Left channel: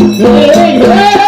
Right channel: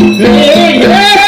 yeah, yeah.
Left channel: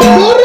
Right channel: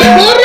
Por